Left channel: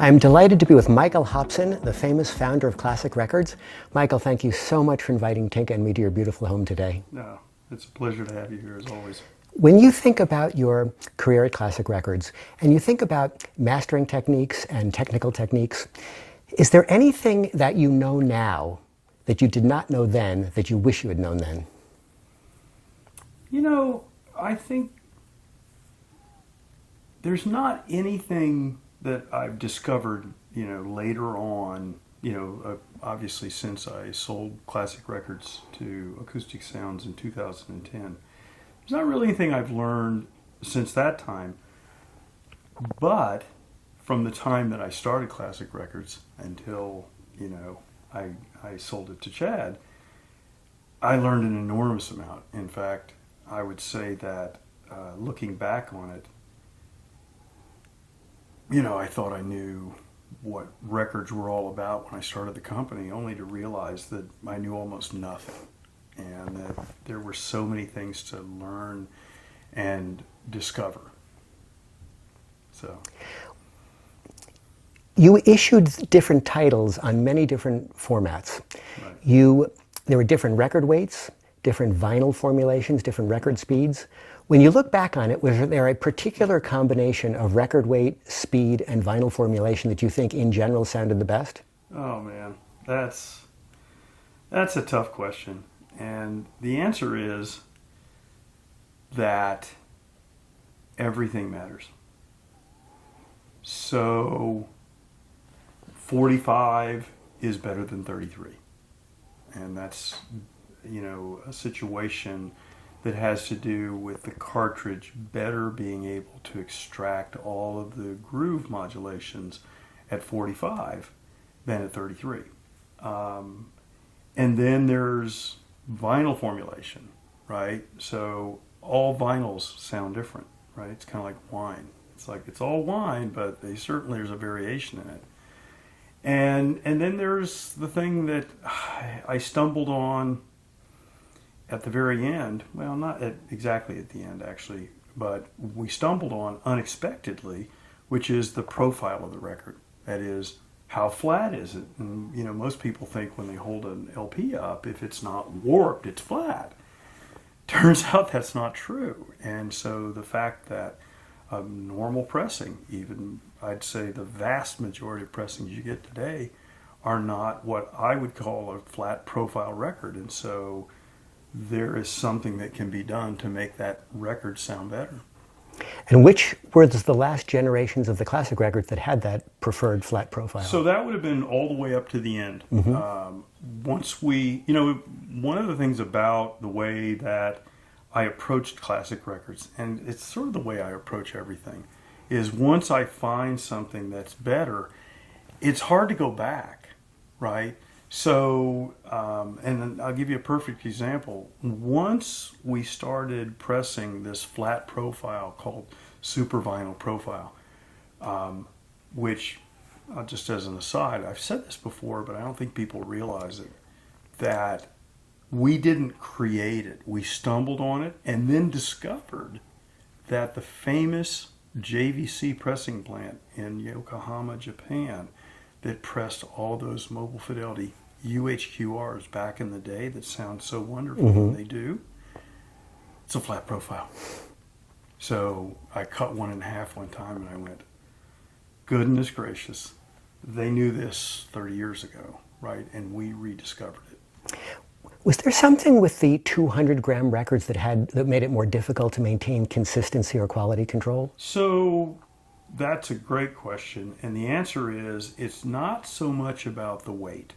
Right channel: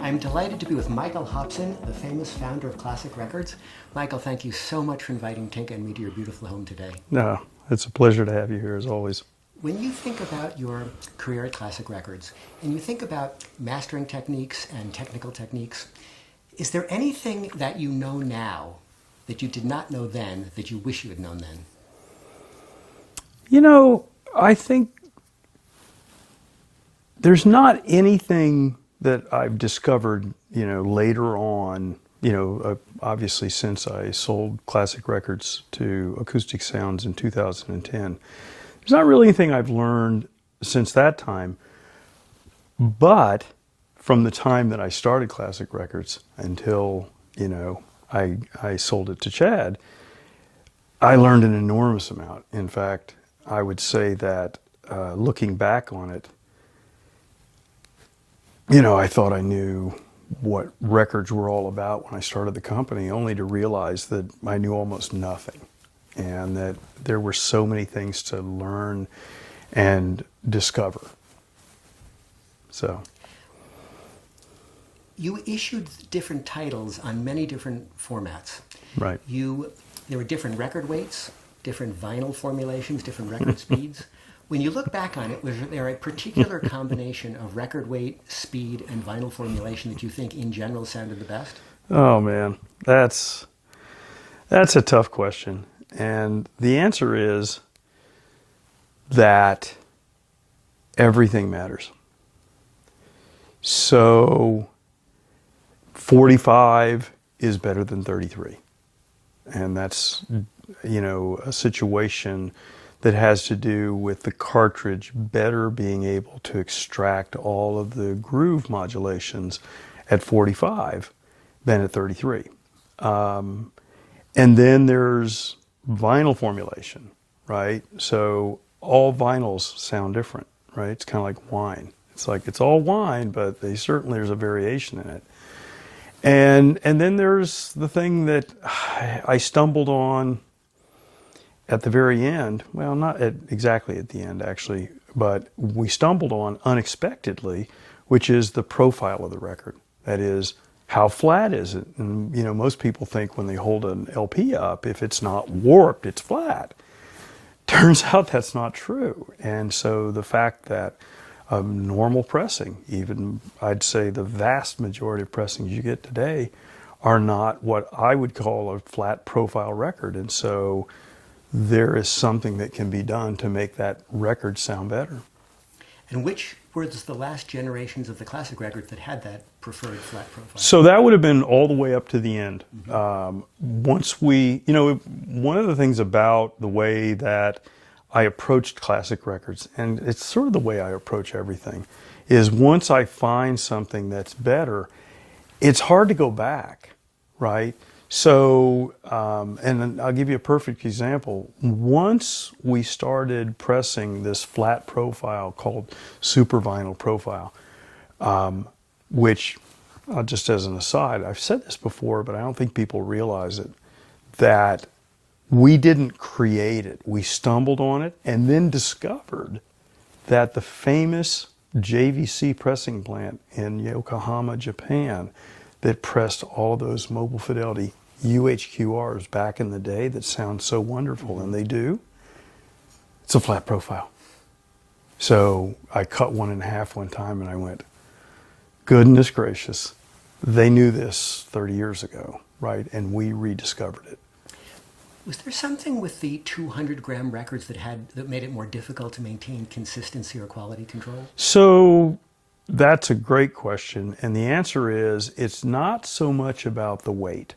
I'm delighted to be with Michael Hobson, the famous founder of Classic Records. Michael, thank you so much for inviting Tinka and me to your beautiful home today. No, it's a pleasure to have you here as always. When you think about your career at Classic Records, and you think about mastering techniques and technical techniques, is there anything that you know now that you did not know then that you wish you had known then? You know, I think there's not anything that I've discovered, later on, obviously since I sold Classic Records to Acoustic Sounds in 2010. There's not really anything I've learned since that time, but from the time that I started Classic Records until, I sold it to Chad, I learned an enormous amount. In fact, I would say that looking back on it, I thought I knew what records were all about when I started the company, only to realize that I knew almost nothing, and that there were so many things to learn and discover. So, you issued different titles on many different formats. right. There were different record weights, different vinyl formulations, different record speeds. When you look back on it, was there a particular combination of record weight, speed, and vinyl formulation that you think in general sounded the best? Oh man, that's a tough question. And the answer is that everything matters. So 45 is better than 33. And that's, a situation that has to do with the cartridge better being able to extract all of the groove modulations at 45 than at 33. And then there's vinyl formulation, right? So all vinyls sound different, right? It's kind of like wine. It's all wine, but there's a variation in it. And then there's the thing that I stumbled on at the very end, well, not exactly at the end actually, but we stumbled on unexpectedly, which is the profile of the record. That is, how flat is it? And most people think when they hold an LP up, if it's not warped, it's flat. Turns out that's not true. And so the fact that normal pressing, even I'd say the vast majority of pressings you get today, are not what I would call a flat profile record. And so there is something that can be done to make that record sound better. And which were the last generations of the Classic Records that had that preferred flat profile? So that would have been all the way up to the end. Mm-hmm. Once we, one of the things about the way that I approached Classic Records, and it's sort of the way I approach everything, is once I find something that's better, it's hard to go back, right? So, and I'll give you a perfect example. Once we started pressing this flat profile called Super Vinyl Profile, which, just as an aside, I've said this before, but I don't think people realize it, that we didn't create it. We stumbled on it and then discovered that the famous JVC pressing plant in Yokohama, Japan, that pressed all of those Mobile Fidelity UHQRs back in the day that sound so wonderful when they do, it's a flat profile. So I cut one in half one time and I went, goodness gracious, they knew this 30 years ago, right? And we rediscovered it. Was there something with the 200-gram records that made it more difficult to maintain consistency or quality control? So that's a great question. And the answer is, it's not so much about the weight.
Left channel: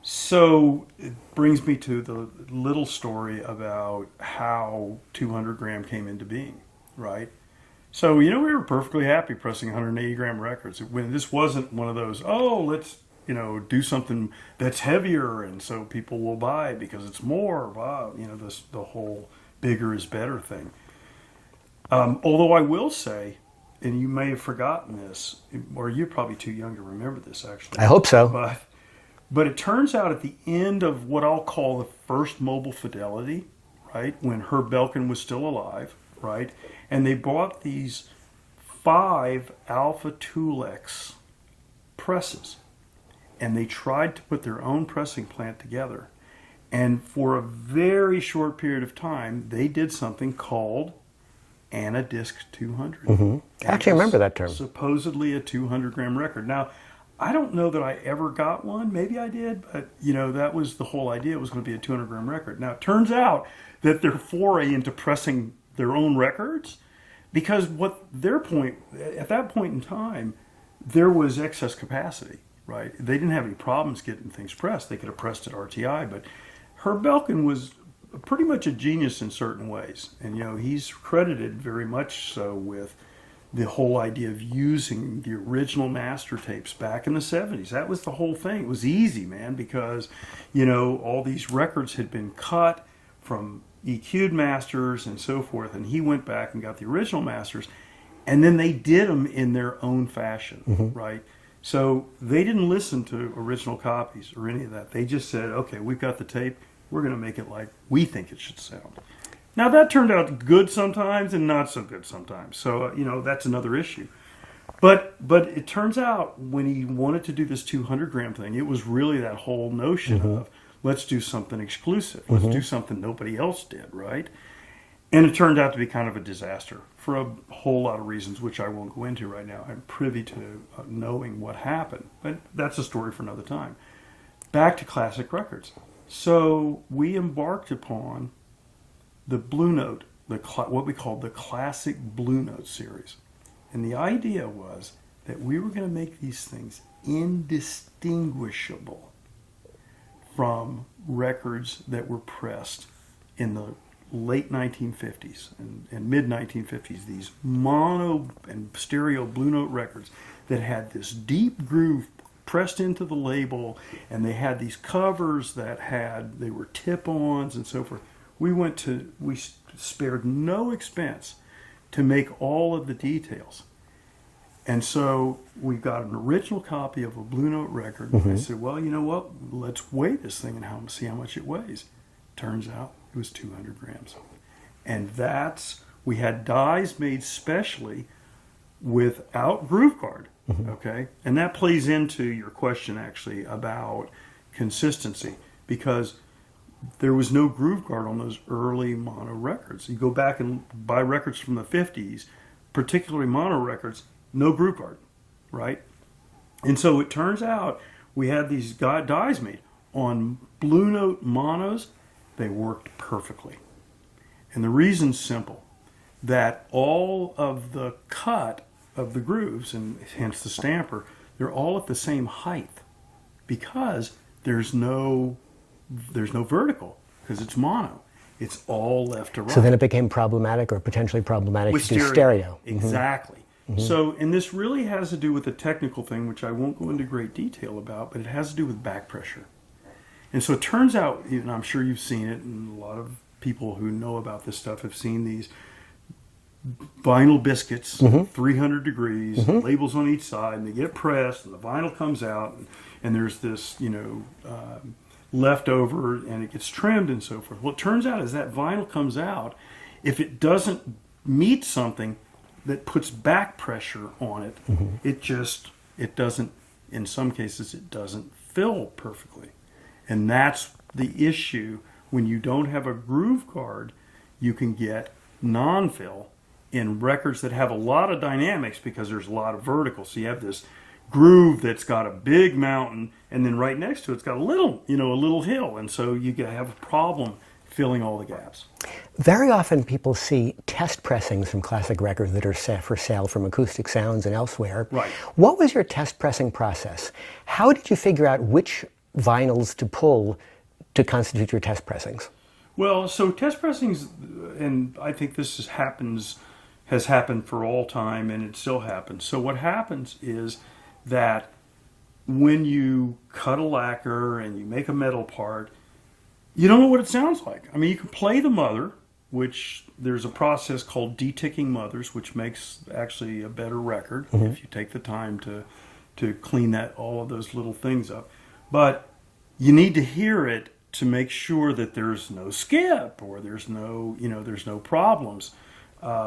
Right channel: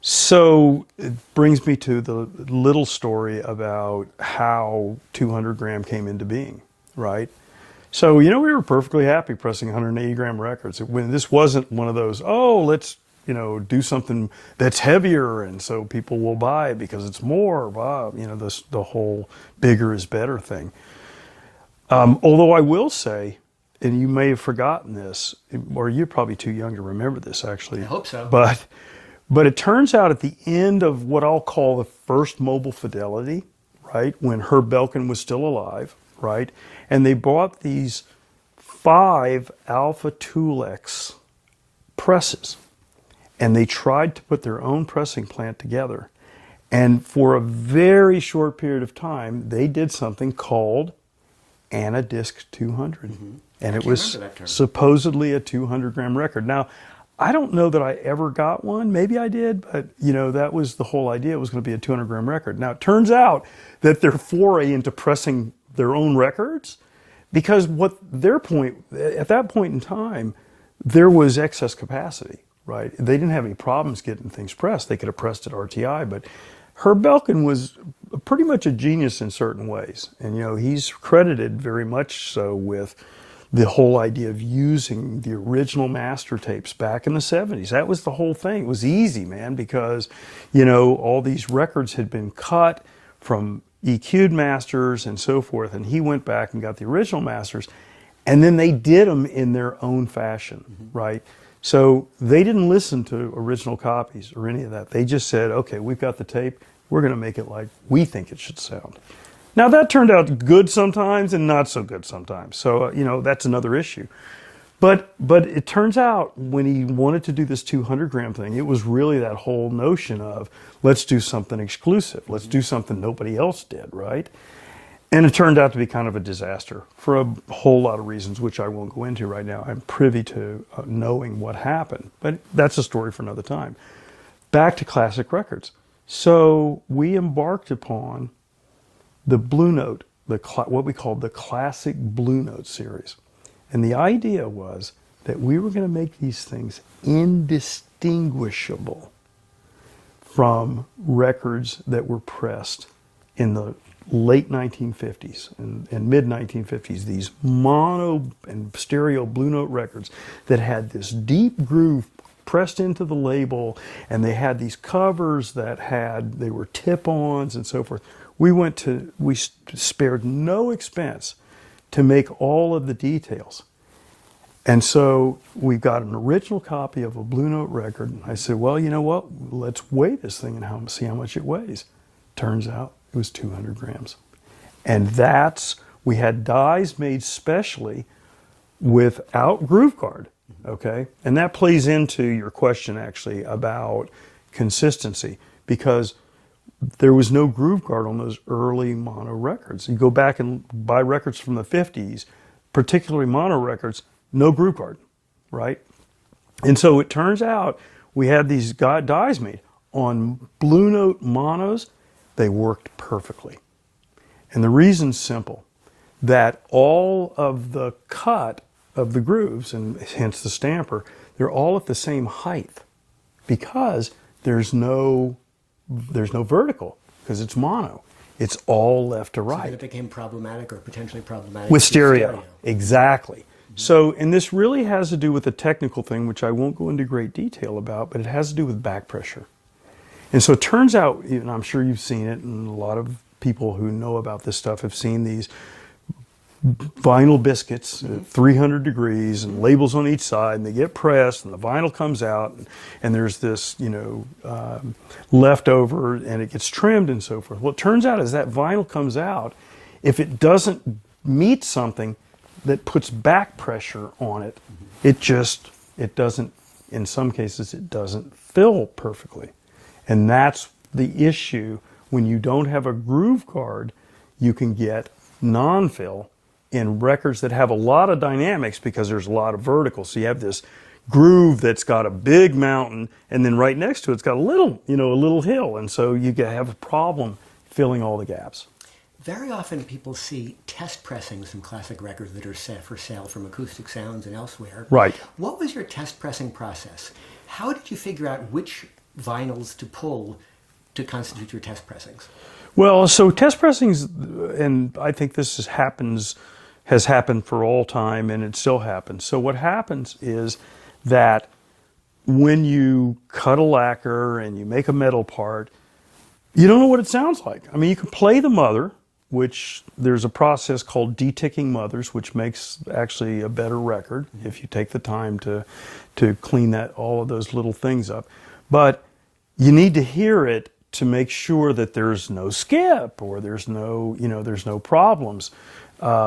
So it brings me to the little story about how 200-gram came into being, right? So, we were perfectly happy pressing 180-gram records. When this wasn't one of those, let's, do something that's heavier and so people will buy because it's more, the whole bigger is better thing. Although I will say, and you may have forgotten this, or you're probably too young to remember this actually. I hope so. But it turns out at the end of what I'll call the first Mobile Fidelity, right, when Herb Belkin was still alive, right, and they bought these 5 Alpha Tulex presses. And they tried to put their own pressing plant together. And for a very short period of time, they did something called Anadisc 200. I actually remember that term. Supposedly a 200-gram record. Now, I don't know that I ever got one. Maybe I did, but that was the whole idea. It was going to be a 200-gram record. Now, it turns out that their foray into pressing their own records, because at that point in time, there was excess capacity, right? They didn't have any problems getting things pressed. They could have pressed at RTI, but Herb Belkin was pretty much a genius in certain ways. And, he's credited very much so with the whole idea of using the original master tapes back in the 70s. That was the whole thing. It was easy, man, because, all these records had been cut from EQ'd masters and so forth. And he went back and got the original masters. And then they did them in their own fashion, right? So they didn't listen to original copies or any of that. They just said, okay, we've got the tape. We're going to make it like we think it should sound. Now, that turned out good sometimes and not so good sometimes. So, that's another issue. But it turns out when he wanted to do this 200-gram thing, it was really that whole notion of let's do something exclusive. Let's do something nobody else did, right? And it turned out to be kind of a disaster for a whole lot of reasons, which I won't go into right now. I'm privy to knowing what happened, but that's a story for another time. Back to classic records. So we embarked upon the Blue Note, what we called the Classic Blue Note series. And the idea was that we were going to make these things indistinguishable from records that were pressed in the late 1950s and mid 1950s, these mono and stereo Blue Note records that had this deep groove pressed into the label, and they had these covers they were tip-ons and so forth. We spared no expense to make all of the details. And so we got an original copy of a Blue Note record. I said, well, you know what? Let's weigh this thing and see how much it weighs. Turns out it was 200 grams. And we had dies made specially without groove guard. Okay? And that plays into your question, actually, about consistency, because there was no groove guard on those early mono records. You go back and buy records from the 50s, particularly mono records, no groove guard, right? And so it turns out we had these dies made on Blue Note monos. They worked perfectly. And the reason's simple, that all of the cut of the grooves, and hence the stamper, they're all at the same height because there's no vertical, because it's mono. It's all left to right. So then it became problematic, or potentially problematic with to stereo. Exactly. So, and this really has to do with a technical thing, which I won't go into great detail about, but it has to do with back pressure. And so it turns out, and I'm sure you've seen it, and a lot of people who know about this stuff have seen these vinyl biscuits, 300 degrees, and labels on each side, and they get pressed, and the vinyl comes out, and there's this, leftover, and it gets trimmed and so forth. Well, it turns out as that vinyl comes out, if it doesn't meet something that puts back pressure on it, it doesn't, in some cases, it doesn't fill perfectly. And that's the issue. When you don't have a groove guard, you can get non-fill in records that have a lot of dynamics because there's a lot of vertical. So you have this groove that's got a big mountain, and then right next to it's got a little hill, and so you have a problem filling all the gaps. Very often people see test pressings from classic records that are set for sale from Acoustic Sounds and elsewhere. Right. What was your test pressing process? How did you figure out which vinyls to pull to constitute your test pressings? Well, so test pressings, and I think this has happened for all time, and it still happens. So what happens is that when you cut a lacquer and you make a metal part, you don't know what it sounds like. I mean, you can play the mother, which there's a process called deticking mothers, which makes actually a better record if you take the time to clean all of those little things up. But you need to hear it to make sure that there's no skip or there's no problems.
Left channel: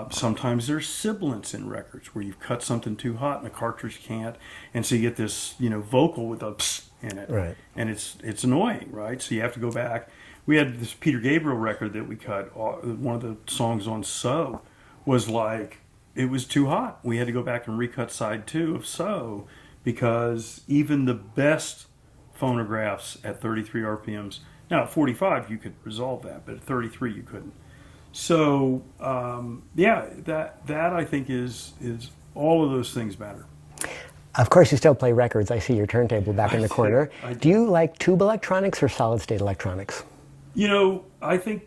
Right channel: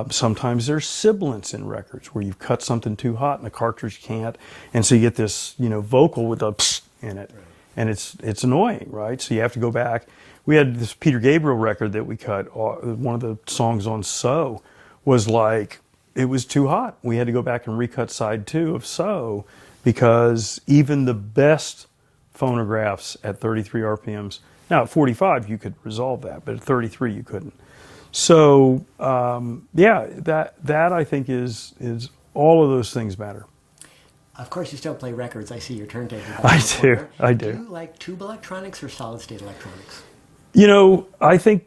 Sometimes there's sibilance in records where you've cut something too hot and the cartridge can't, and so you get this, vocal with a psst in it, Right. and it's annoying, right? So you have to go back. We had this Peter Gabriel record that we cut. One of the songs on "So" was like it was too hot. We had to go back and recut side 2 of "So" because even the best phonographs at 33 RPMs. Now at 45 you could resolve that, but at 33 you couldn't. So that I think is all of those things matter. Of course, you still play records. I see your turntable back in the corner. I do. Do you like tube electronics or solid-state electronics? I think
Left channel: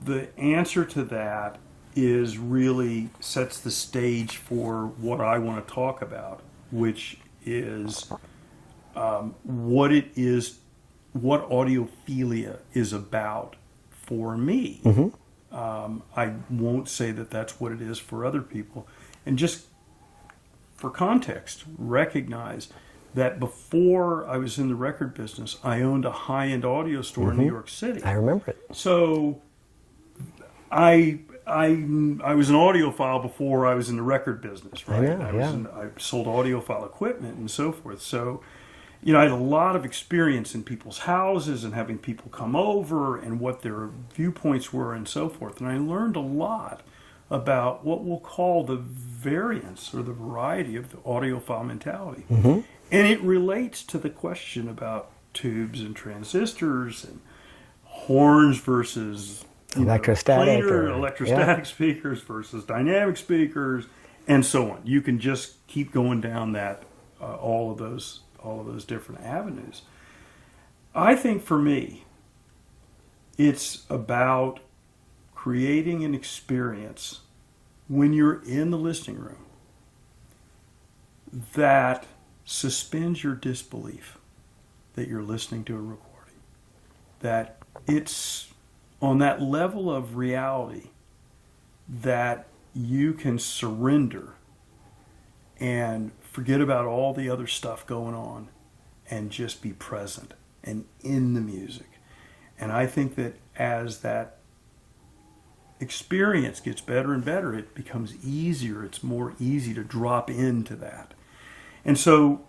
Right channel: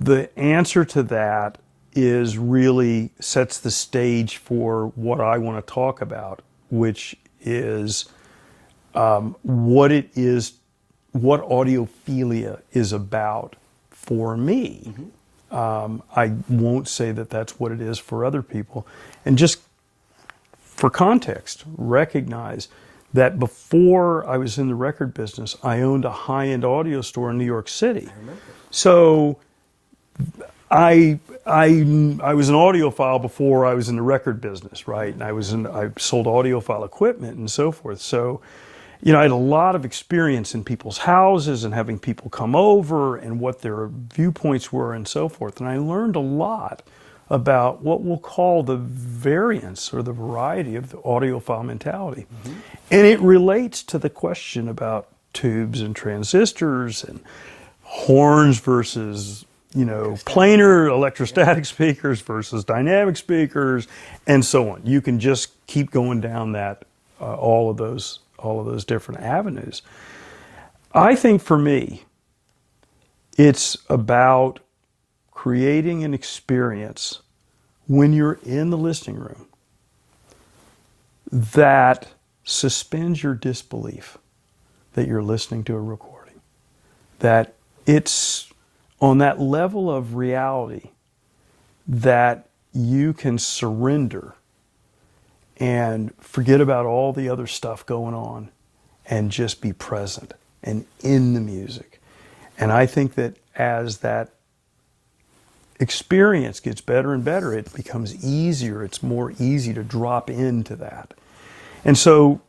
the answer to that is really sets the stage for what I want to talk about, which is what audiophilia is about for me. Mm-hmm. I won't say that that's what it is for other people. And just for context, recognize that before I was in the record business, I owned a high-end audio store in New York City. I remember it. So I was an audiophile before I was in the record business, right? I sold audiophile equipment and so forth. So, I had a lot of experience in people's houses and having people come over and what their viewpoints were and so forth. And I learned a lot about what we'll call the variance or the variety of the audiophile mentality. Mm-hmm. And it relates to the question about tubes and transistors and horns versus planar electrostatic speakers versus dynamic speakers and so on. You can just keep going down that all of those different avenues. I think for me, it's about creating an experience when you're in the listening room that suspends your disbelief that you're listening to a recording. That it's on that level of reality that you can surrender and forget about all the other stuff going on and just be present and in the music. And I think that as that experience gets better and better, it becomes easier. It's more easy to drop into that. And so,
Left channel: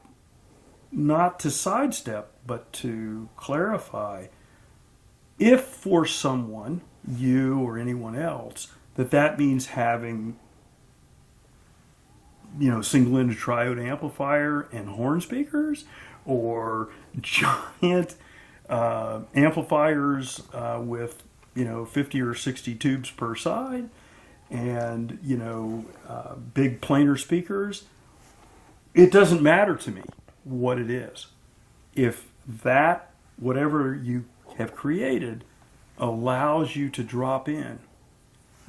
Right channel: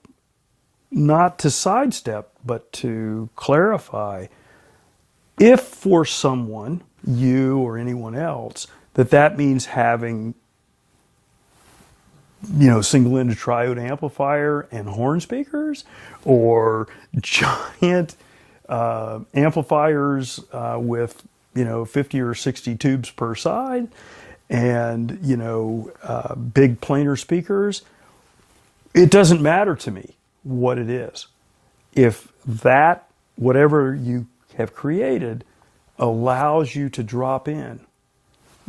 not to sidestep, but to clarify, if for someone, you or anyone else, that means having, single-ended triode amplifier and horn speakers, or giant amplifiers with 50 or 60 tubes per side, and big planar speakers. It doesn't matter to me what it is. If that, whatever you have created, allows you to drop in,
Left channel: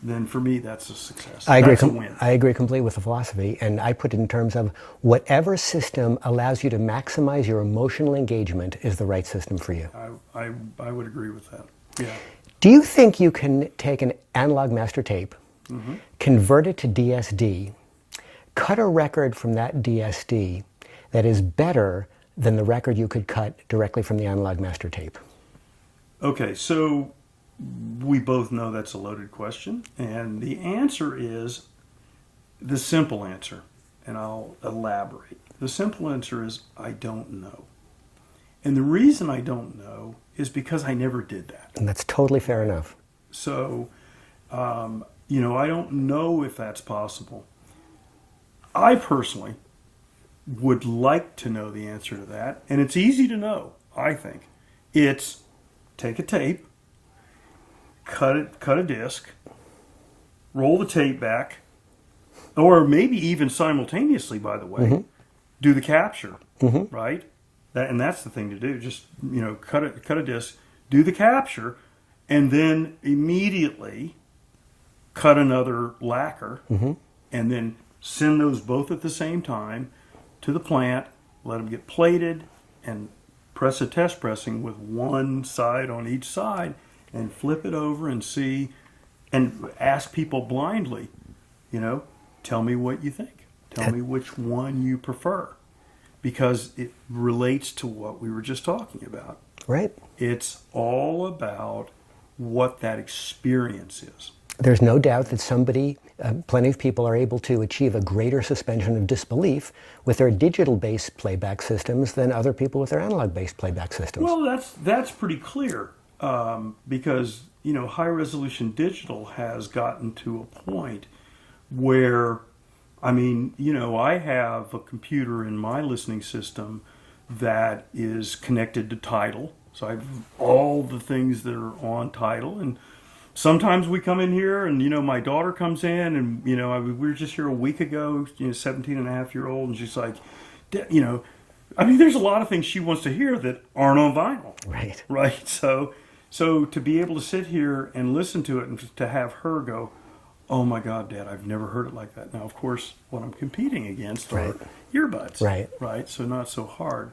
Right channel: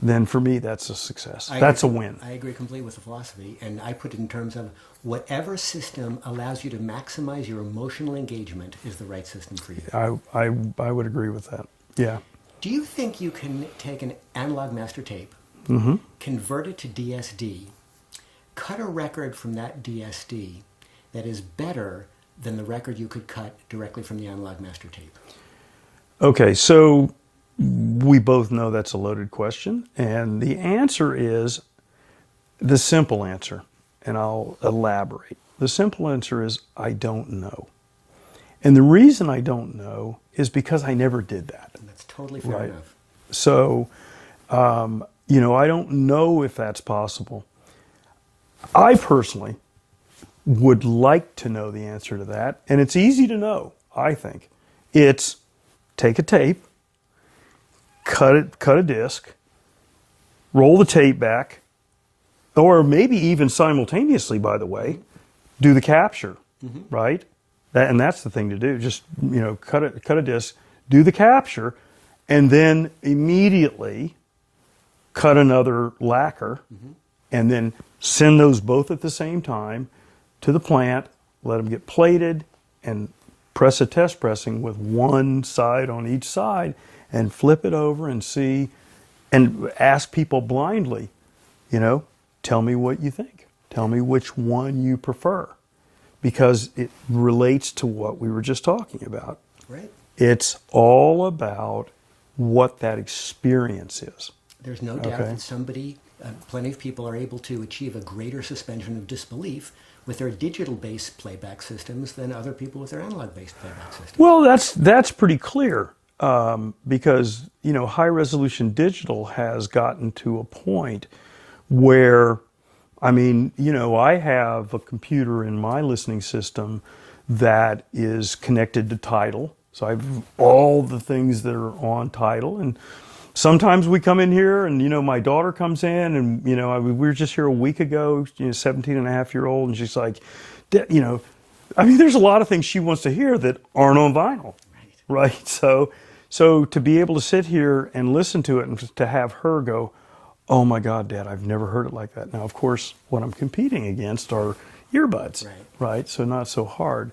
then for me that's a success. That's a win. I agree completely with the philosophy, and I put it in terms of whatever system allows you to maximize your emotional engagement is the right system for you. I would agree with that. Yeah. Do you think you can take an analog master tape, mm-hmm. convert it to DSD, cut a record from that DSD that is better than the record you could cut directly from the analog master tape? Okay, so we both know that's a loaded question, and the answer is the simple answer, and I'll elaborate. The simple answer is I don't know. And the reason I don't know is because I never did that. And that's totally fair enough. So, I don't know if that's possible. I personally would like to know the answer to that, and it's easy to know, I think. It's take a tape, cut a disc, roll the tape back, or maybe even simultaneously, by the way, mm-hmm. do the capture, mm-hmm. right? And that's the thing to do. Just, cut a disc, do the capture, and then immediately cut another lacquer, mm-hmm. and then send those both at the same time to the plant, let them get plated, and press a test pressing with one side on each side, and flip it over and see, and ask people blindly, tell me what you think. Tell me which one you prefer. Because it relates to what we were just talking about. Right. It's all about what that experience is. There's no doubt that plenty of people are able to achieve a greater suspension of disbelief with their digital-based playback systems than other people with their analog-based playback systems. Well, that's pretty clear, because high-resolution digital has gotten to a point where, I have a computer in my listening system that is connected to Tidal, so I have all the things that are on Tidal, and sometimes we come in here and, my daughter comes in and, we were just here a week ago, 17 and a half year old, and she's like, there's a lot of things she wants to hear that aren't on vinyl. Right. Right. So to be able to sit here and listen to it and to have her go, oh my God, Dad, I've never heard it like that. Now, of course, what I'm competing against are earbuds. Right. Right. So not so hard.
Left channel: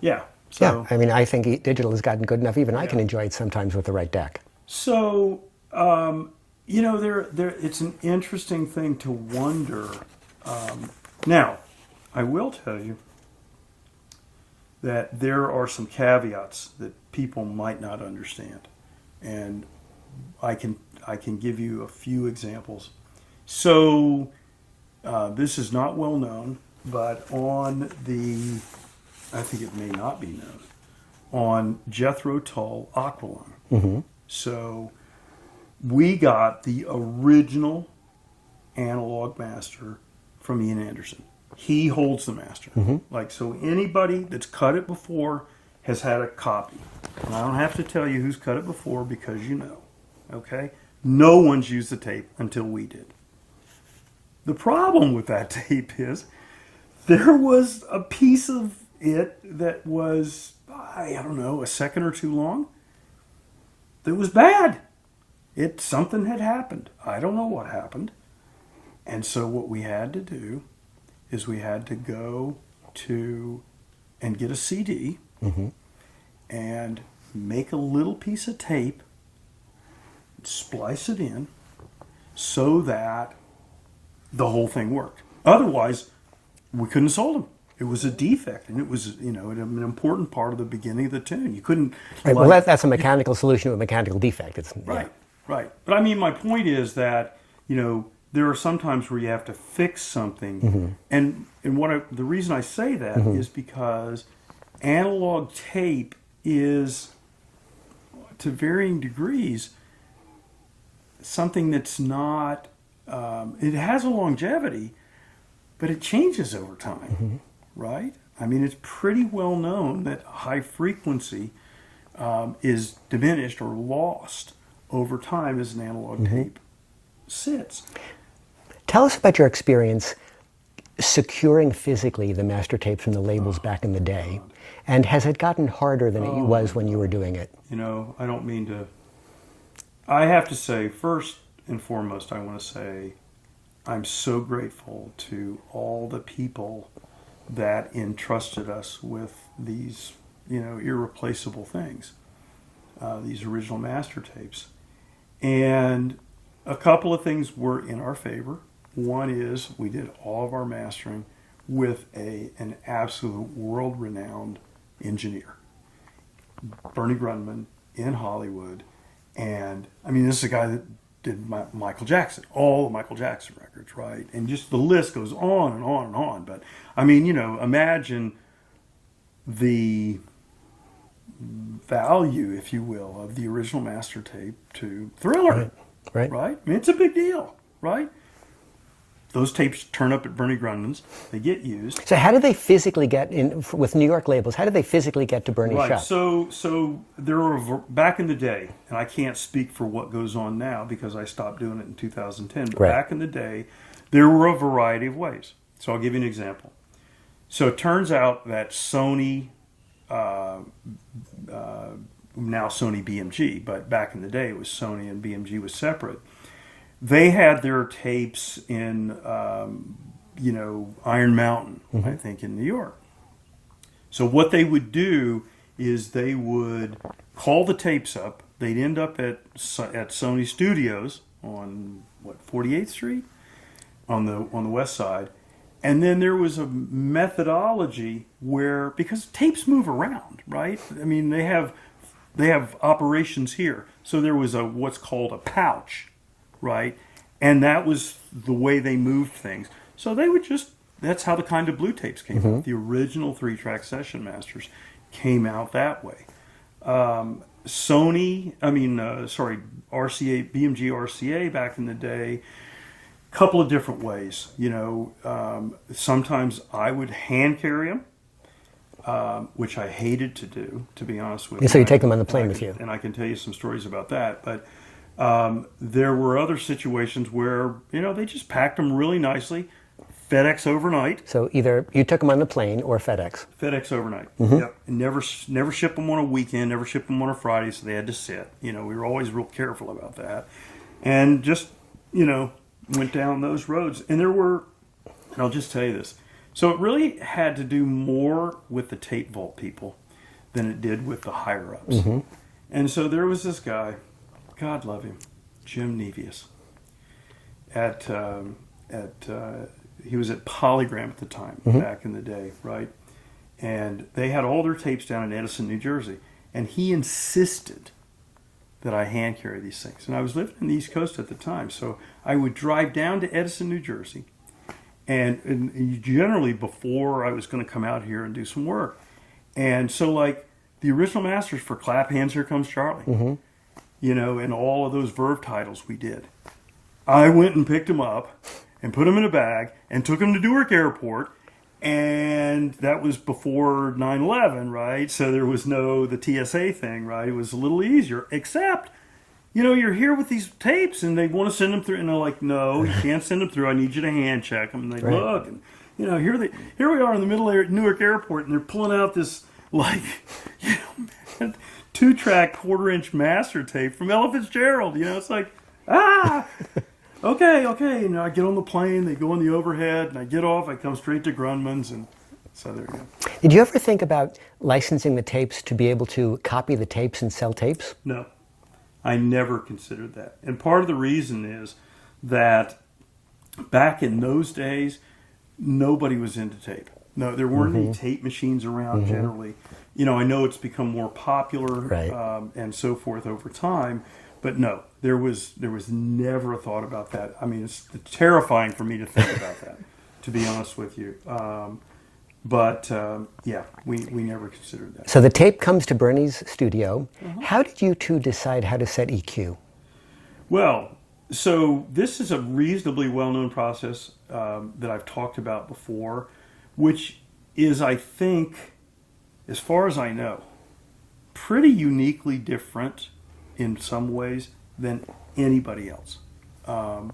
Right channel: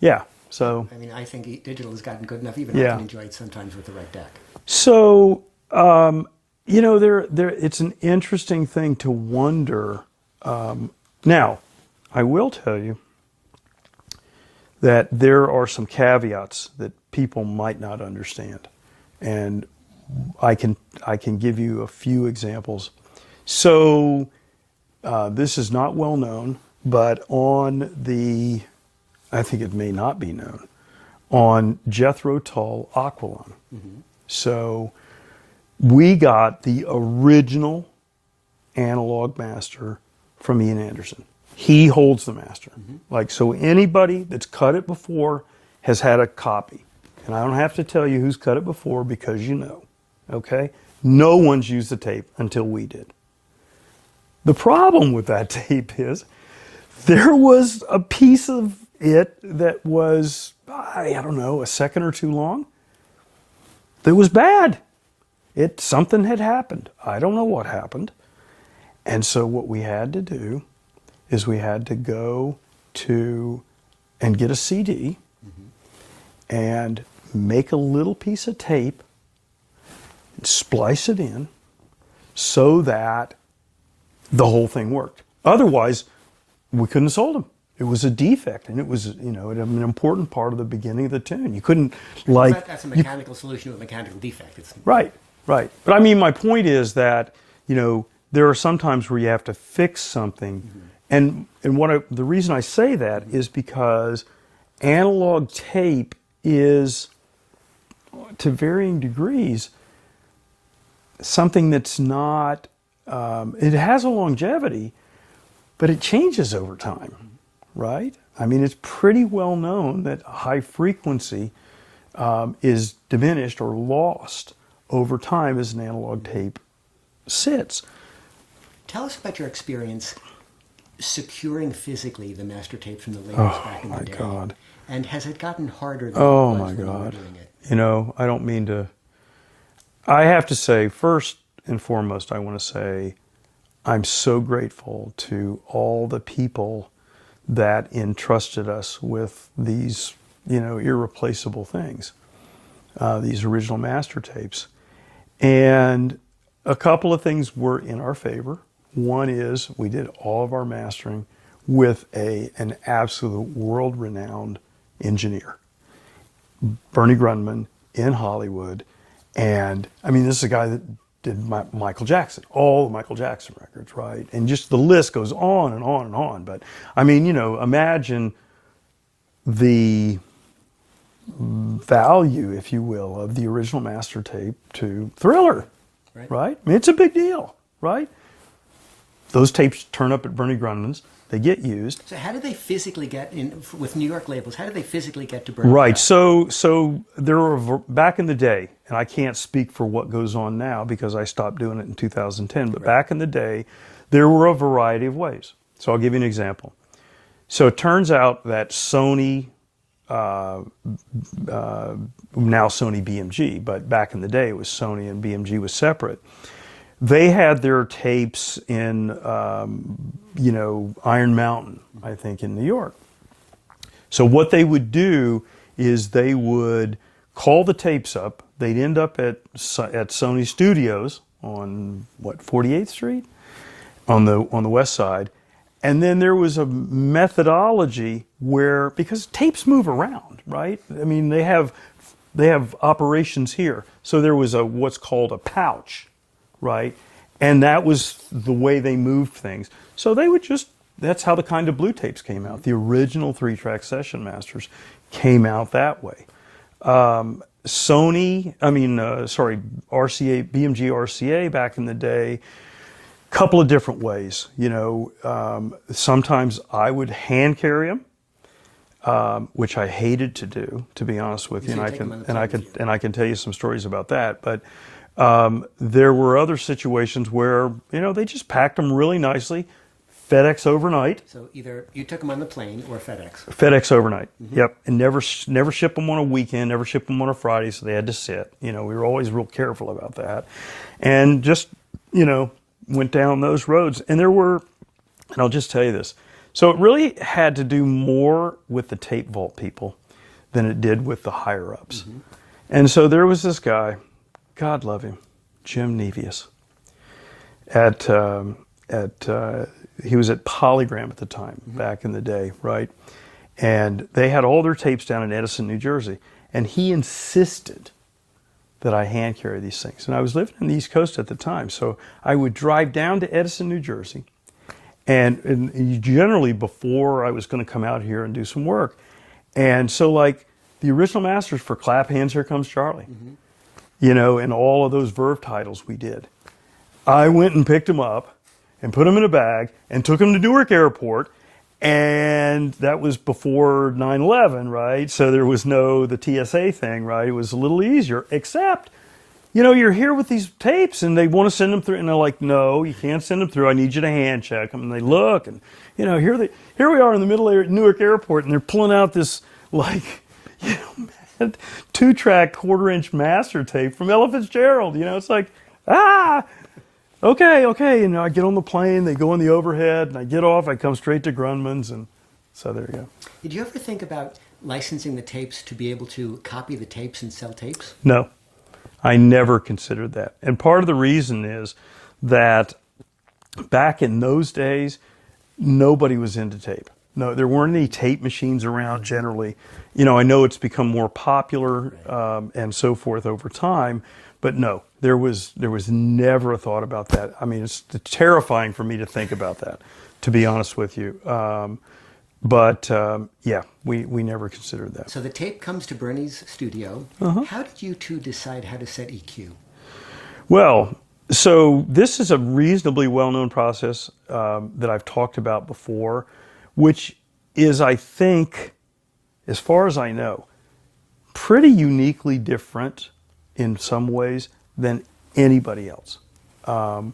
Yeah. So, yeah. I think digital has gotten good enough. Even I can enjoy it sometimes with the right deck. So, it's an interesting thing to wonder. Now, I will tell you that there are some caveats that people might not understand, and I can give you a few examples. So, this is not well known, but I think it may not be known, on Jethro Tull Aqualung. Mm-hmm. So we got the original analog master from Ian Anderson. He holds the master. Mm-hmm. So anybody that's cut it before has had a copy. And I don't have to tell you who's cut it before because okay? No one's used the tape until we did. The problem with that tape is there was a piece of it that was, a second or two long. It was bad. Something had happened. I don't know what happened. And so what we had to do is we had to go and get a CD and make a little piece of tape, and splice it in so that the whole thing worked. Otherwise, we couldn't have sold them. It was a defect, and it was, an important part of the beginning of the tune. You couldn't, that's a mechanical solution to a mechanical defect. Right. But my point is that, there are some times where you have to fix something, and the reason I say that is because analog tape is, to varying degrees, something that's not. It has a longevity, but it changes over time. Right? It's pretty well known that high frequency is diminished or lost over time as an analog tape sits. Tell us about your experience securing physically the master tapes from the labels back in the day. God. And has it gotten harder than it was when you were doing it? I don't mean to. I have to say, first and foremost, I want to say I'm so grateful to all the people that entrusted us with these, irreplaceable things, these original master tapes. And a couple of things were in our favor. One is we did all of our mastering with an absolute world-renowned engineer, Bernie Grundman in Hollywood. And this is a guy that did Michael Jackson, all the Michael Jackson records, right? And just the list goes on and on and on. But imagine the value, if you will, of the original master tape to Thriller, right? It's a big deal, right? Those tapes turn up at Bernie Grundman's. They get used. So how did they physically get in with New York labels? How did they physically get to Bernie's Right. shop? So there were back in the day, and I can't speak for what goes on now because I stopped doing it in 2010. But back in the day, there were a variety of ways. So I'll give you an example. So it turns out that Sony, now Sony BMG, but back in the day it was Sony and BMG was separate. They had their tapes in, Iron Mountain, I think, in New York. So what they would do is they would call the tapes up. They'd end up at Sony Studios on 48th Street on the west side, and then there was a methodology where, because tapes move around, right? They have operations here, so there was what's called a pouch. right? And that was the way they moved things. So they would just, that's how the Kind of Blue tapes came out. The original 3-track Session Masters came out that way. RCA, BMG RCA back in the day, couple of different ways. You know, sometimes I would hand carry them, which I hated to do, to be honest with you. So you take them on the plane with you. And I can tell you some stories about that. But there were other situations where, you know, they just packed them really nicely, FedEx overnight. So either you took them on the plane or FedEx. FedEx overnight. Yep. And never ship them on a weekend, never ship them on a Friday, so they had to sit. You know, we were always real careful about that. And just, you know, went down those roads. And there were, and I'll just tell you this, so it really had to do more with the tape vault people than it did with the higher-ups. And so there was this guy, God love him, Jim Nevius, he was at Polygram at the time, back in the day, right? And they had all their tapes down in Edison, New Jersey. And he insisted that I hand carry these things. And I was living on the East Coast at the time. So I would drive down to Edison, New Jersey. And generally before I was going to come out here and do some work. And so like the original masters for Clap Hands, Here Comes Charlie, you know, and all of those Verve titles we did. I went and picked them up and put them in a bag and took them to Newark Airport. And that was before 9/11, right? So there was the TSA thing, right? It was a little easier, except, you know, you're here with these tapes and they want to send them through. And they're like, no, you can't send them through. I need you to hand check them. And they look and, you know, here we are in the middle of Newark Airport and they're pulling out this, like, you know, 2-track 1/4-inch master tape from Ella Fitzgerald. You know, it's like, okay. You know, I get on the plane, they go in the overhead, and I get off, I come straight to Grunman's, and so there you go. Did you ever think about licensing the tapes to be able to copy the tapes and sell tapes? No, I never considered that. And part of the reason is that back in those days, nobody was into tape. No, there weren't any tape machines around generally. You know, I know it's become more popular and so forth over time, but no, there was never a thought about that. I mean, it's terrifying for me to think about that, to be honest with you. Yeah, we never considered that. So the tape comes to Bernie's studio. How did you two decide how to set EQ? Well, so this is a reasonably well-known process that I've talked about before, which is, I think, as far as I know, pretty uniquely different in some ways than anybody else. I'll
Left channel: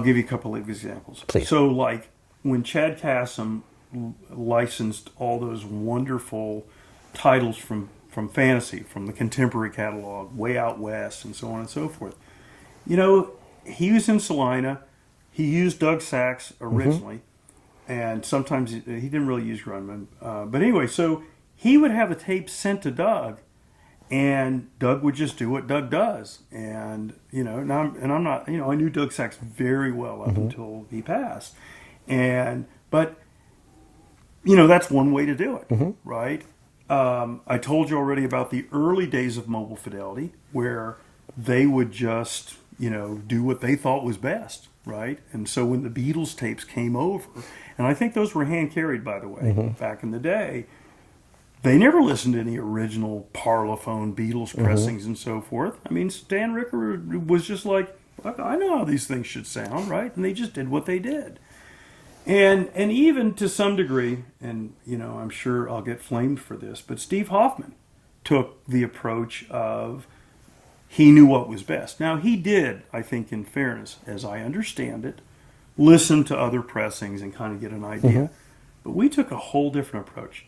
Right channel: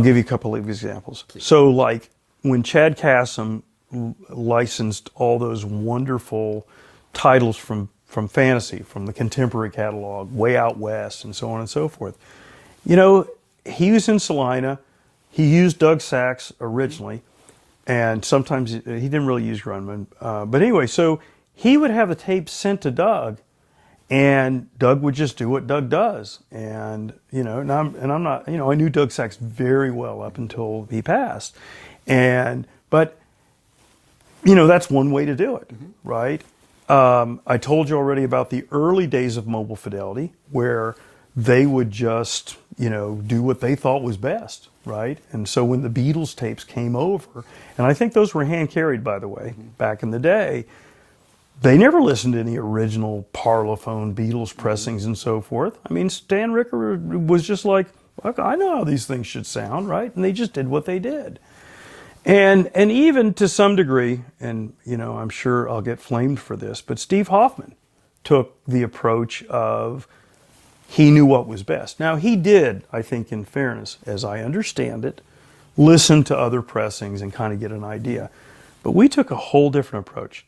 give you a couple of examples. Please. So like when Chad Kassem licensed all those wonderful titles from fantasy, from the contemporary catalog, Way Out West, and so on and so forth. You know, he was in Salina. He used Doug Sachs originally, and sometimes he didn't really use Grunman. But anyway, so he would have the tapes sent to Doug, and Doug would just do what Doug does. And, you know, and I'm not, you know, I knew Doug Sachs very well up until he passed. But, you know, that's one way to do it, right? I told you already about the early days of Mobile Fidelity, where they would just, you know, do what they thought was best, right? And so when the Beatles tapes came over, and I think those were hand carried, by the way, back in the day, they never listened to any original Parlophone Beatles pressings and so forth. I mean, Stan Ricker was just like, look, I know how these things should sound, right? And they just did what they did. And even to some degree, and, you know, I'm sure I'll get flamed for this, but Steve Hoffman took the approach of he knew what was best. Now, he did, I think, in fairness, as I understand it, listen to other pressings and kind of get an idea. But we took a whole different approach.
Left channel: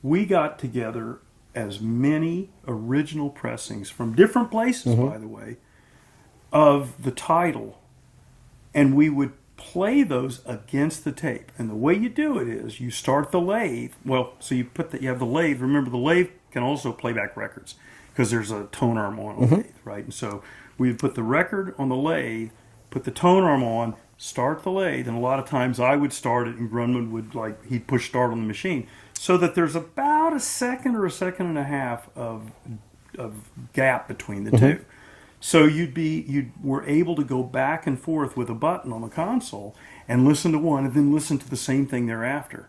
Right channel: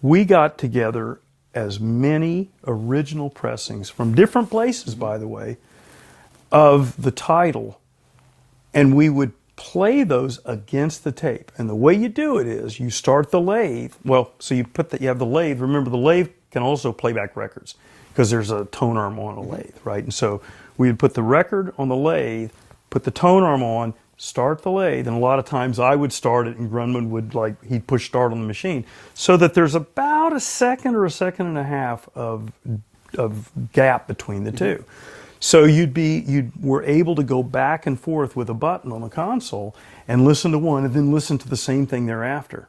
We got together as many original pressings from different places, by the way, of the title, and we would play those against the tape. And the way you do it is you start the lathe. Well, so you have the lathe. Remember, the lathe can also play back records because there's a tone arm on a lathe, right? And so we would put the record on the lathe, put the tone arm on, start the lathe, and a lot of times I would start it and Grunman would, like, he'd push start on the machine, so that there's about a second or a second and a half of gap between the two. So you were able to go back and forth with a button on the console and listen to one and then listen to the same thing thereafter,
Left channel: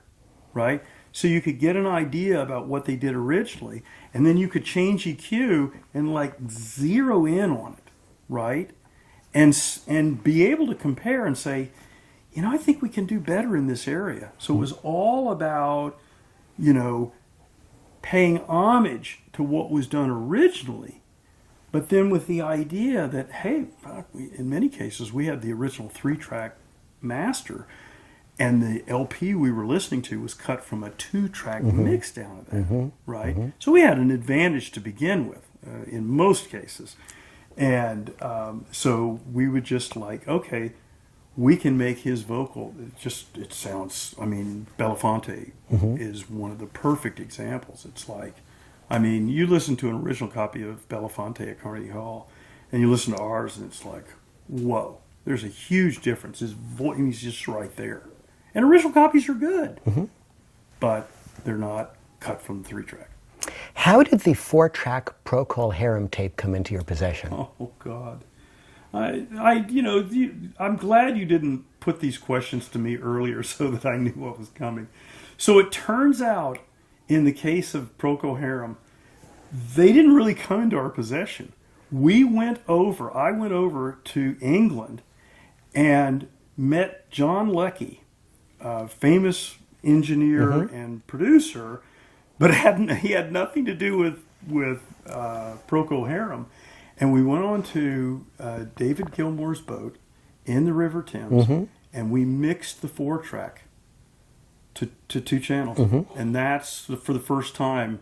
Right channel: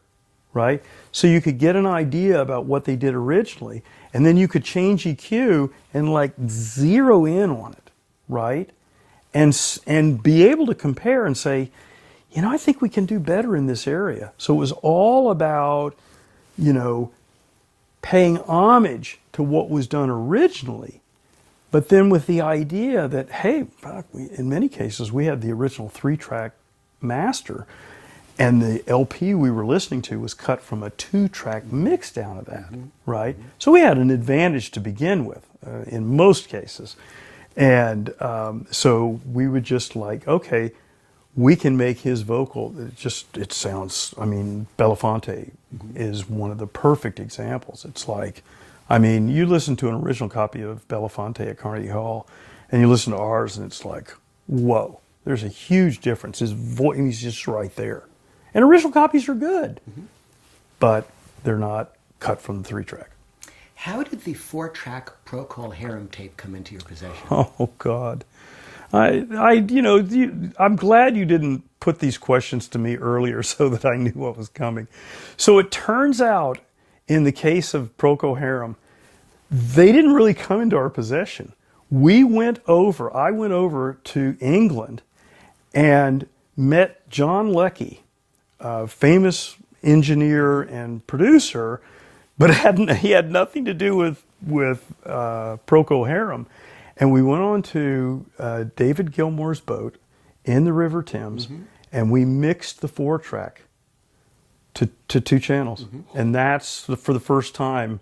right? So you could get an idea about what they did originally, and then you could change EQ and like zero in on it, right? And be able to compare and say, you know, I think we can do better in this area. So it was all about, you know, paying homage to what was done originally, but then with the idea that, hey, in many cases we had the original 3-track master, and the LP we were listening to was cut from a 2-track mix down of that, right? So we had an advantage to begin with in most cases. And so we would just like, okay, we can make his vocal, it sounds, I mean, Belafonte is one of the perfect examples. It's like, I mean, you listen to an original copy of Belafonte at Carnegie Hall, and you listen to ours, and it's like, whoa, there's a huge difference. His voice, he's just right there. And original copies are good, but they're not cut from the 3-track. How did the 4-track Procol Harum tape come into your possession? Oh God, you know, I'm glad you didn't put these questions to me earlier so that I knew what was coming. So it turns out, in the case of Procol Harum, they didn't really come into our possession. I went over to England and met John Leckie, a famous engineer and producer, but he had nothing to do with Procol Harum. And we went on to David Gilmour's boat in the River Thames, and we mixed the 4-track to 2 channels. And that's for the first time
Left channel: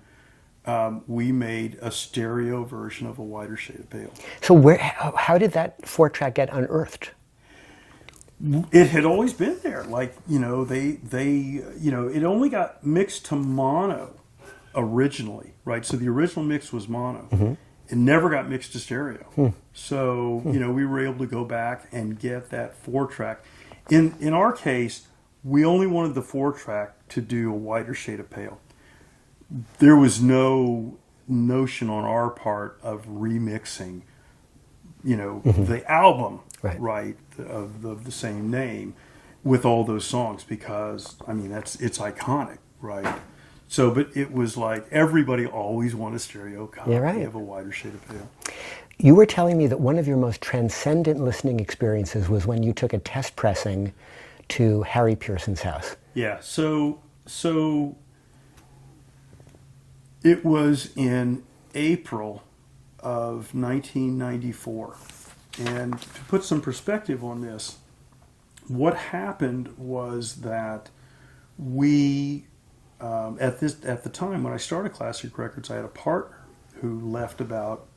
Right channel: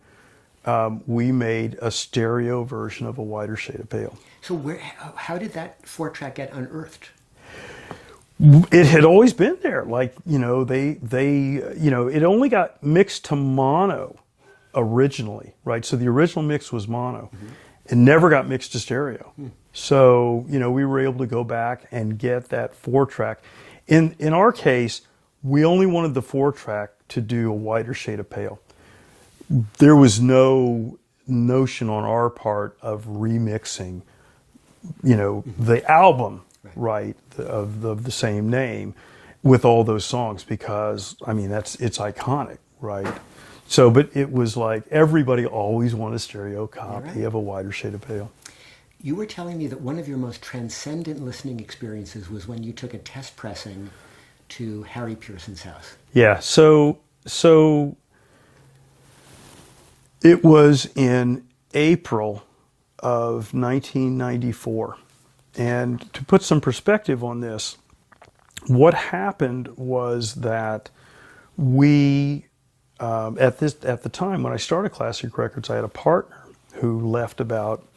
we made a stereo version of A Wider Shade of Pale. So how did that 4-track get unearthed? It had always been there. Like, you know, they you know, it only got mixed to mono originally, right? So the original mix was mono. It never got mixed to stereo. So, you know, we were able to go back and get that 4-track. In our case, we only wanted the 4-track to do A Wider Shade of Pale. There was no notion on our part of remixing, you know, the album, right, of the same name with all those songs, because, I mean, it's iconic, right? So, but it was like everybody always wanted a stereo copy of A Wider Shade of Pale. You were telling me that one of your most transcendent listening experiences was when you took a test pressing to Harry Pearson's house. Yeah, so it was in April of 1994. And to put some perspective on this, what happened was that we, at the time when I started Classic Records, I had a partner who left about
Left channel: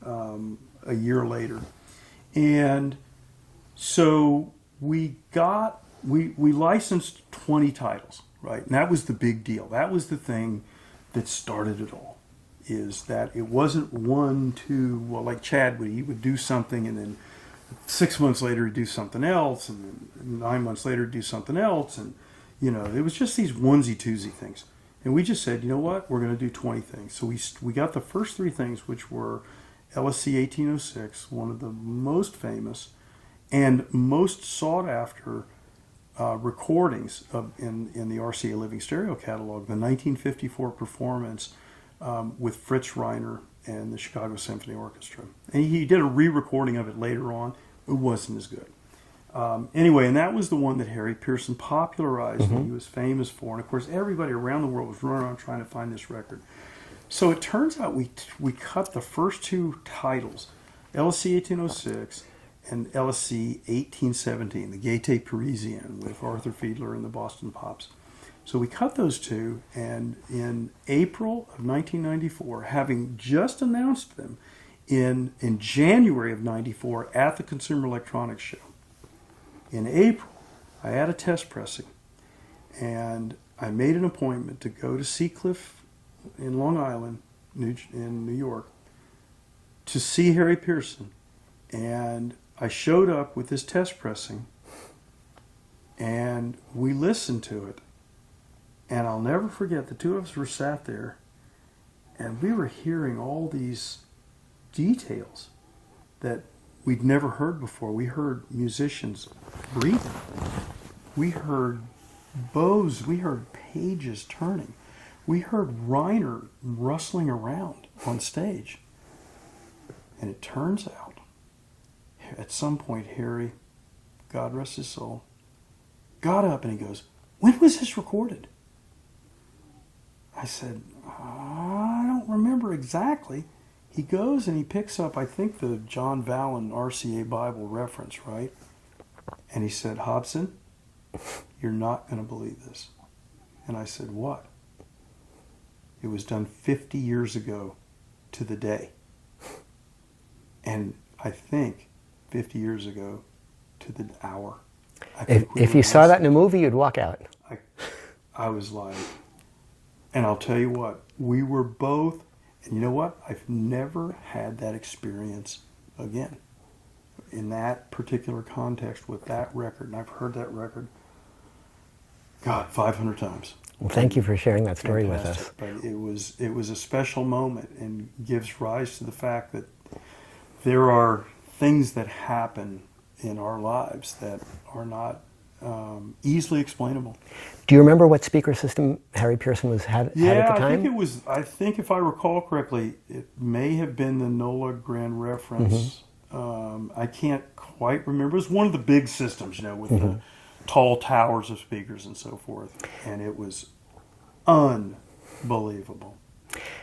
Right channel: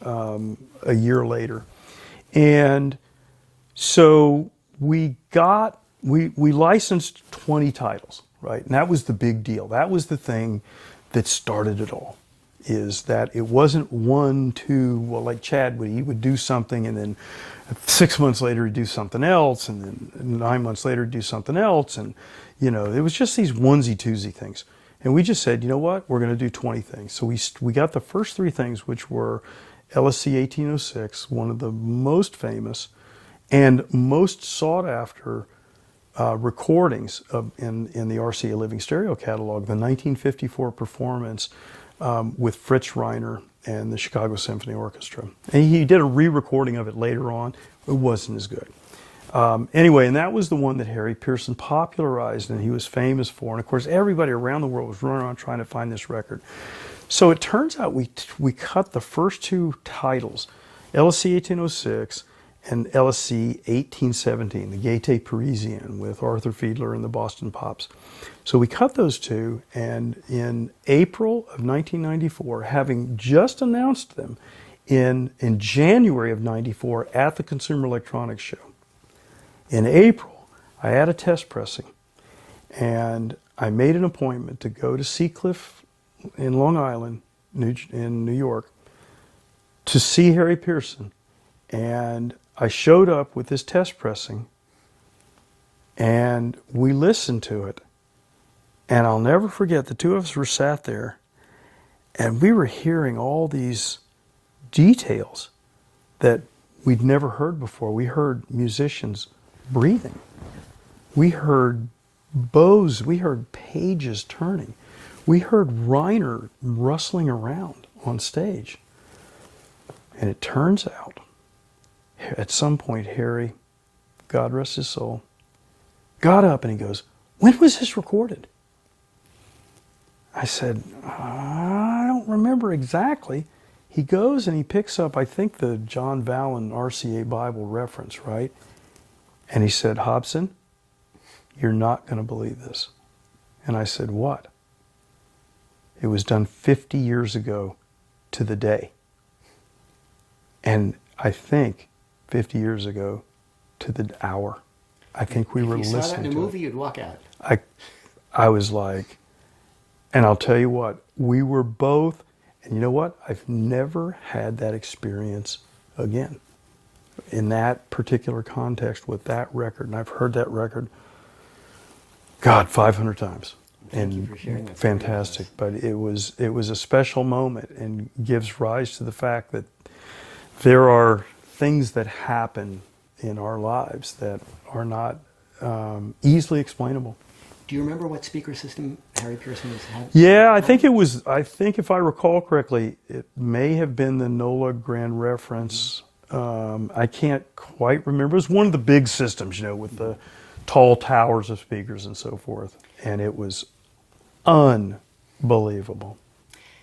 a year later. And so we licensed 20 titles, right? And that was the big deal. That was the thing that started it all, is that it wasn't 1, 2, well, like Chad he would do something, and then 6 months later he'd do something else, and then 9 months later he'd do something else. And, you know, it was just these onesie-twosie things. And we just said, you know what, we're going to do 20 things. So we got the first 3 things, which were LSC 1806, one of the most famous and most sought after recordings in the RCA Living Stereo catalog, the 1954 performance with Fritz Reiner and the Chicago Symphony Orchestra. And he did a re-recording of it later on. It wasn't as good. Anyway, and that was the one that Harry Pearson popularized and he was famous for. And of course, everybody around the world was running around trying to find this record. So it turns out we cut the first 2 titles, LSC 1806 and LSC 1817, the Gaieté Parisienne with Arthur Fiedler and the Boston Pops. So we cut those 2, and in April of 1994, having just announced them in January of 94 at the Consumer Electronics Show, in April, I had a test pressing, and I made an appointment to go to Seacliff in Long Island, in New York, to see Harry Pearson. And I showed up with this test pressing, and we listened to it. And I'll never forget, the 2 of us were sat there, and we were hearing all these details that we'd never heard before. We heard musicians breathing. We heard bows. We heard pages turning. We heard Reiner rustling around on stage. And it turns out, at some point, Harry, God rest his soul, got up and he goes, "When was this recorded?" I said, "I don't remember exactly." He goes and he picks up, I think, the John Vallon RCA Bible reference, right? And he said, "Hobson, you're not going to believe this." And I said, "What?" "It was done 50 years ago to the day. And I think 50 years ago to the hour." I think If you saw that in a listening to it. movie, you'd walk out. I was like, and I'll tell you what, we were both, and you know what? I've never had that experience again in that particular context with that record. And I've heard that record, God, 500 times. Well, thank you for sharing that story Fantastic. with us. But it was a special moment and gives rise to the fact that there are things that happen in our lives that are not easily explainable. Do you remember what speaker system Harry Pearson had at Yeah, the I time? think it was. I think if I recall correctly, it may have been the NOLA Grand Reference. I can't quite remember. It was one of the big systems, you know, with the tall towers of speakers and so forth, and it was unbelievable.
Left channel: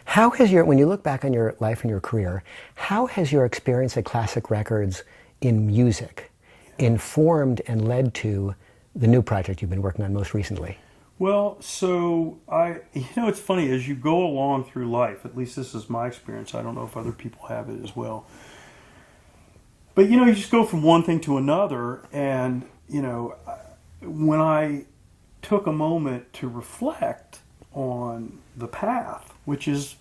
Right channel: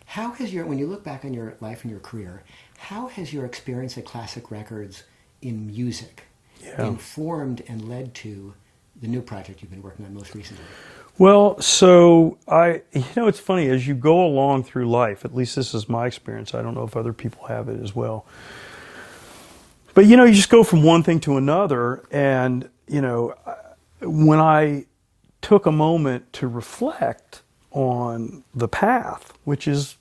How has when you look back on your life and your career, how has your experience at Classic Records in music informed and led to the new project you've been working on most recently? Well, so it's funny, as you go along through life, at least this is my experience, I don't know if other people have it as well, but you just go from one thing to another, and when I took a moment to reflect on the path, which is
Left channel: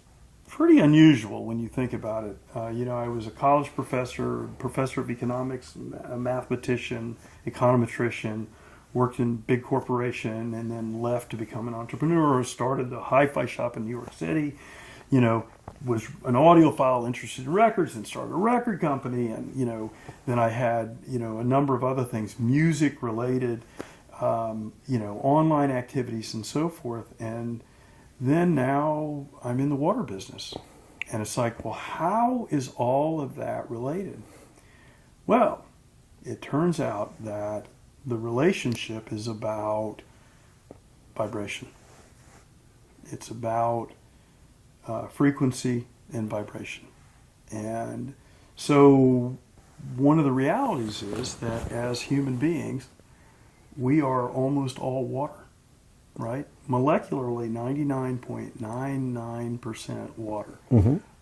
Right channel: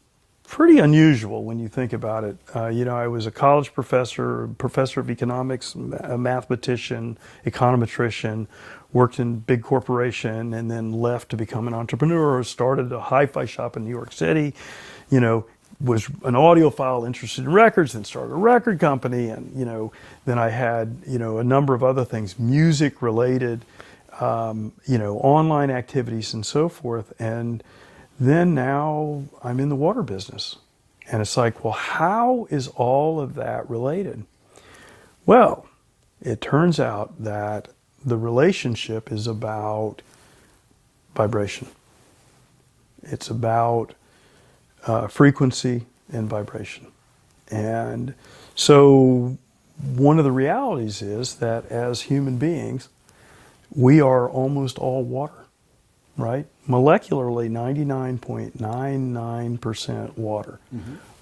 pretty unusual when you think about it. I was a college professor of economics, a mathematician, econometrician, worked in big corporation, and then left to become an entrepreneur, started a hi-fi shop in New York City, was an audiophile interested in records, then started a record company, and, then I had, a number of other things, music related, online activities and so forth. And then now I'm in the water business. And it's like, well, how is all of that related? Well, it turns out that the relationship is about vibration. It's about frequency and vibration. And so one of the realities is that as human beings, we are almost all water, right? Molecularly, 99.99% water.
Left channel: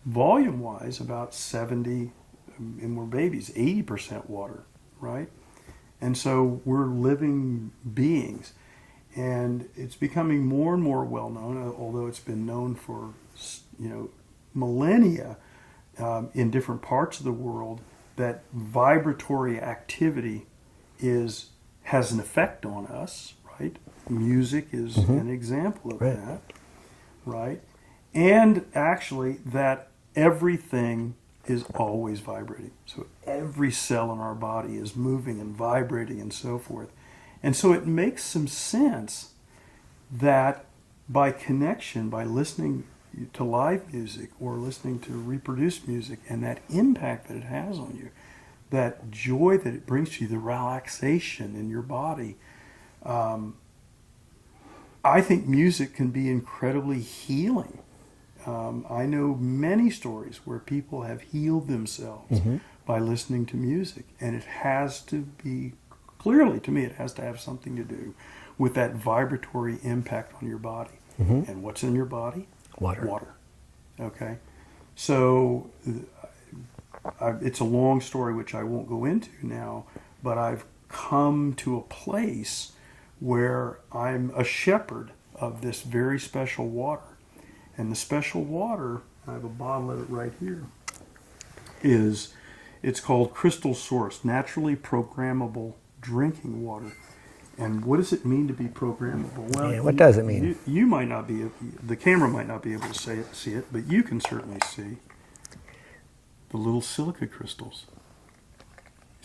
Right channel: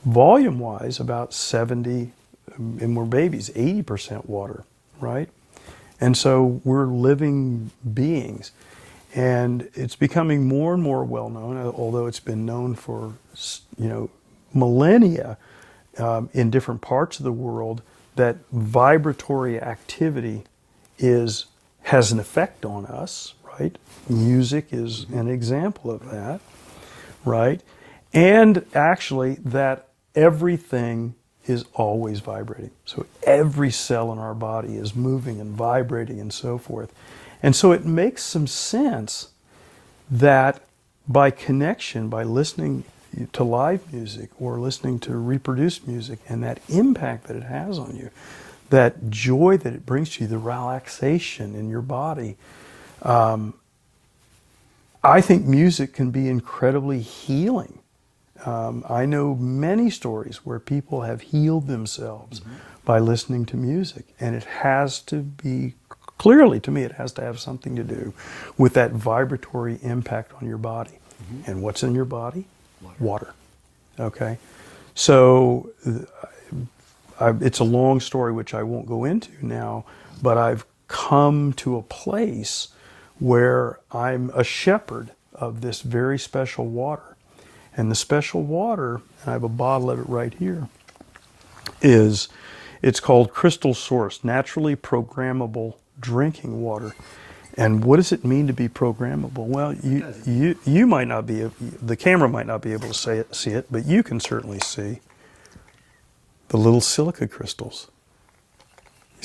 Volume-wise, about 70, and we're babies, 80% water, right? And so we're living beings. And it's becoming more and more well-known, although it's been known for, millennia in different parts of the world, that vibratory activity has an effect on us, right? Music is an example of that, right? And actually that everything is always vibrating. So every cell in our body is moving and vibrating and so forth. And so it makes some sense that by connection, by listening to live music or listening to reproduced music and that impact that it has on you, that joy that it brings to you, the relaxation in your body, I think music can be incredibly healing. I know many stories where people have healed themselves by listening to music, and it has to be, clearly to me, it has to have something to do with that vibratory impact on your body. And what's in your body? Water. Okay? So it's a long story which I won't go into now, but I've come to a place where I'm a shepherd of this very special water. And the special water, and I have a bottle of it right here, it's called Crystal Source, naturally programmable drinking water. And what does it mean to be programmable? Well, what does it mean? You might not be, the camera might not be able to see it, but you can certainly see the little silica crystals.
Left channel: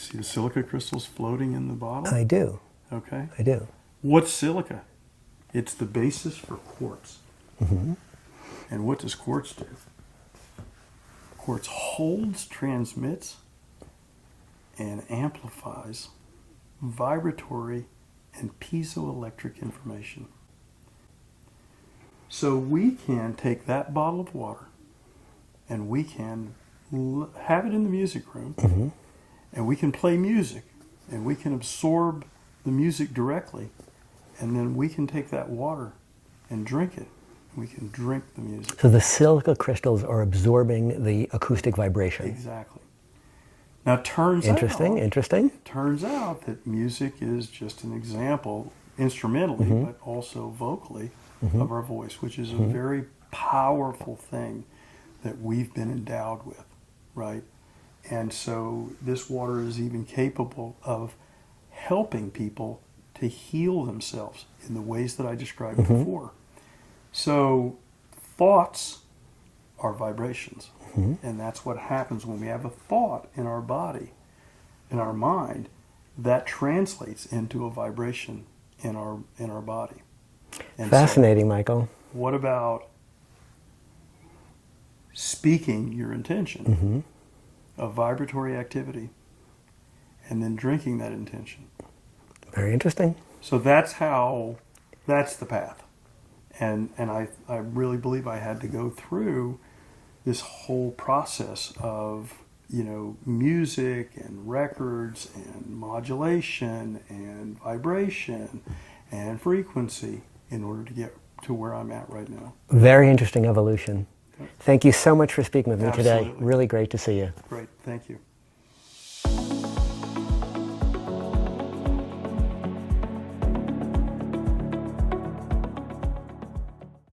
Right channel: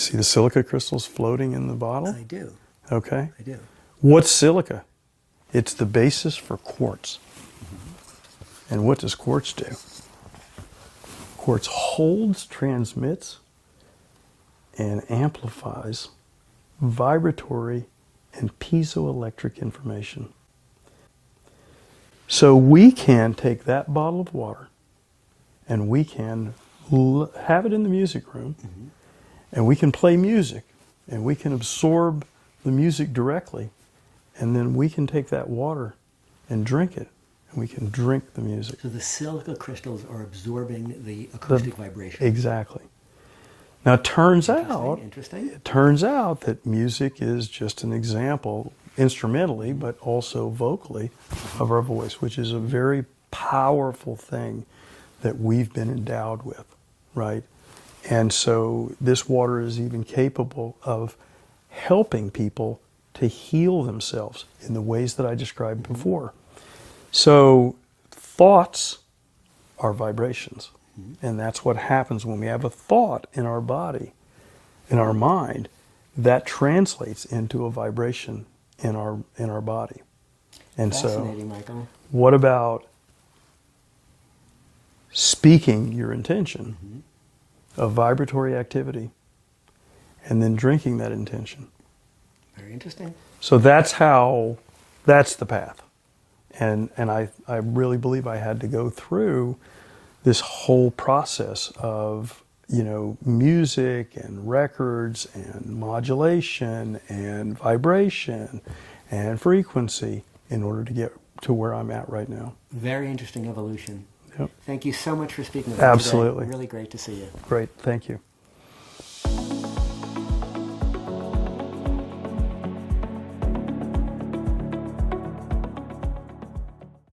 See the silica crystals floating in the bottle? I do. Okay. I do. What's silica? It's the basis for quartz. Mm-hmm. And what does quartz do? Quartz holds, transmits, and amplifies vibratory and piezoelectric information. So we can take that bottle of water and we can have it in the music room, Mm-hmm. and we can play music, and we can absorb the music directly, and then we can take that water and drink it, and we can drink the music. So the silica crystals are absorbing the acoustic vibration. Exactly. Now it turns Interesting. It turns out that music is just an example, instrumentally, Mm-hmm. but also vocally, of our voice, which is a very powerful thing that we've been endowed with, right? And so this water is even capable of helping people to heal themselves in the ways that I described before. So thoughts are vibrations. And that's what happens when we have a thought in our body, in our mind, that translates into a vibration in our body. And Fascinating, Michael. what about speaking your intention of vibratory activity and then drinking that intention? Very interesting. So that's the path. And I really believe I had to go through this whole process of, music and records and modulation and vibration and frequency in order to get to where I'm at right now. Very interesting evolution. Yep. Thank you so much for speaking with me Absolutely. today. Really great to see you. Great. Thank you.